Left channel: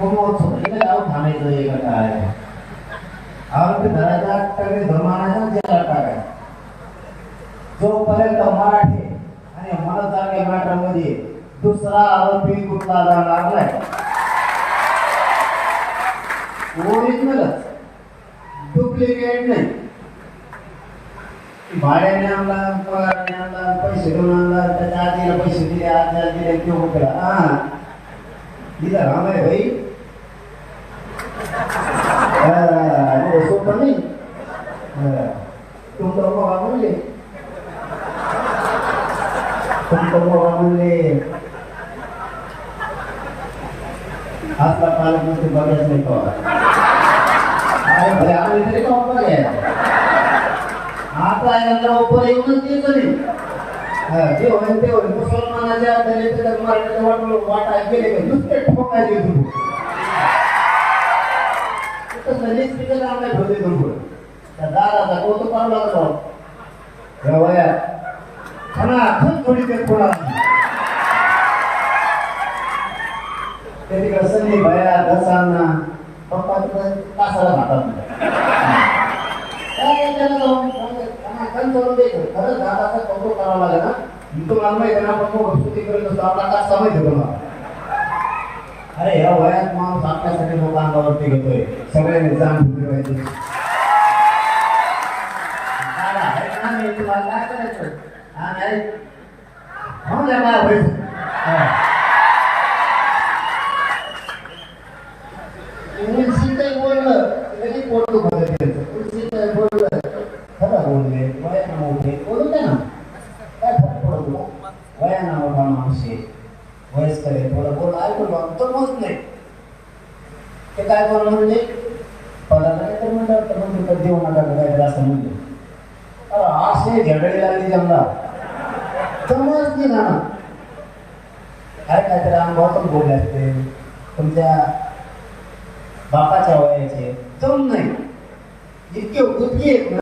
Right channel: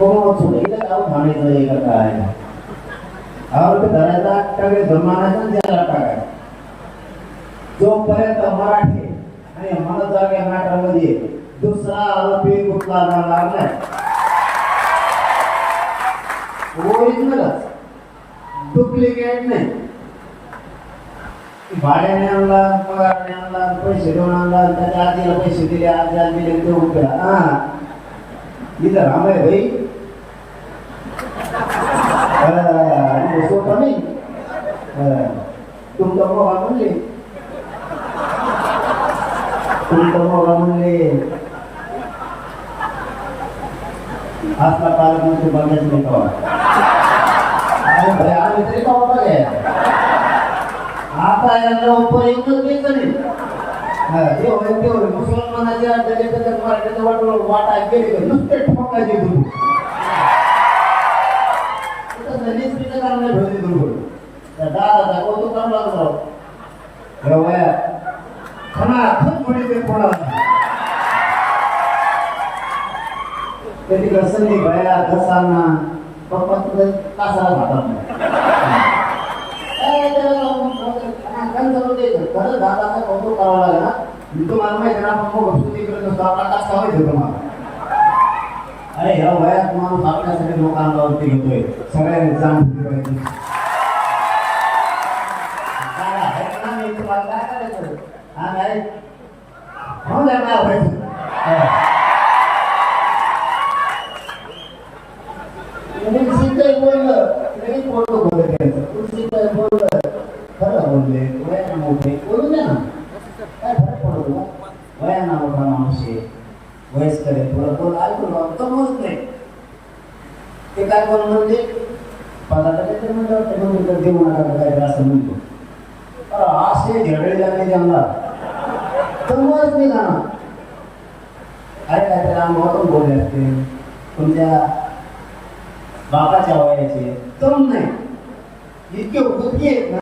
कमवतो इथं गाव थांबायचं का काय आरोपी धरायचा टाकाय धर्मानाचा ज्याला टाकाय जोपर्यंत मराठी आणि मनोजागे मॅटर मध्ये दुसरा आरोपी कुठला जाणार नाही ओरिजिनल डुप्लिकेट नाही भाड्याने आणला पगारने आणला पैसे देऊन आणला त्याच्या आजीला पैसे दिले आजीला दिले ते उठला इथं राम आहे भाई सोपं नाही तुमचा मोगा म्हणले आपला पालकमंत्री बघायचं नव्हतं अरे भले आम्ही तरी का बघाय आता यांना उपर येऊनच द्यायचं नाही ते होय ते होय मुसलमानाच्या दलिताच्या मराठीच्या वाटा गेले का नुसते ठोकायचे गुरु निश्चित काम नाही ठेवले गुरु तर दादाचा कौतुक करावं लागलो वया खना खूप थोडी ते कोणाला कधी कसं नाही भया घसांना पप्पा तिकडे कासाला खातात खरंच दादाचा कौतुक करावं लागेल ना तुम्हाला माहिती ना पप्पा सुट्टी करत असतो आपला कासा माहिती तुम्हाला अरे ह्या वयात माणूस आपल्यासाठी लोक अंगावरती घेतोय सगळ्यांनी जाण ठेवायची तुम्हाला काय करायचं हा नाही म्हणून काय व्हायचं बोललं लगेच पोटो बोललं खरं बोलले वयाना मोठे बोलून द्या ना काय फरक पडतो वयाना मोठा माणूस आहे वयस्कर आहे थोडं बोल ऐकून तो मोज नाही ते काय बोल म्हणजे पदार्थ काहीतरी म्हणलं तर म्हणजे देऊ नका काहीतरी असं म्हणतो अरे असे झडळी लागली त्यांना समज नाही ना अरे काहीतरी अनुभवातून बोलले असते तुमच्या बापाच्या वयाचे जम नाही इतके उतकी आहेत ना